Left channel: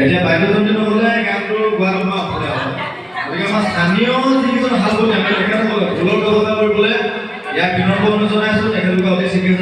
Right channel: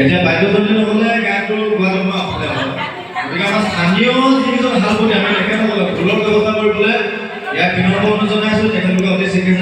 এতিয়া বাদ্যযন্ত্ৰী নহ'লে গানটো গোৱাৰ মই অসমীয়া হ'ব। গতিকে আমাৰ স্থানীয় যিকেইজন ভাল বুলি আমি তেখেতসকলে ঢোলৰ ব্যৱস্থা কৰিবলৈ ইয়াত বিনম্ৰ অনুৰোধ জনাইছোঁ। তেখেতলোকে অতি শীঘ্ৰে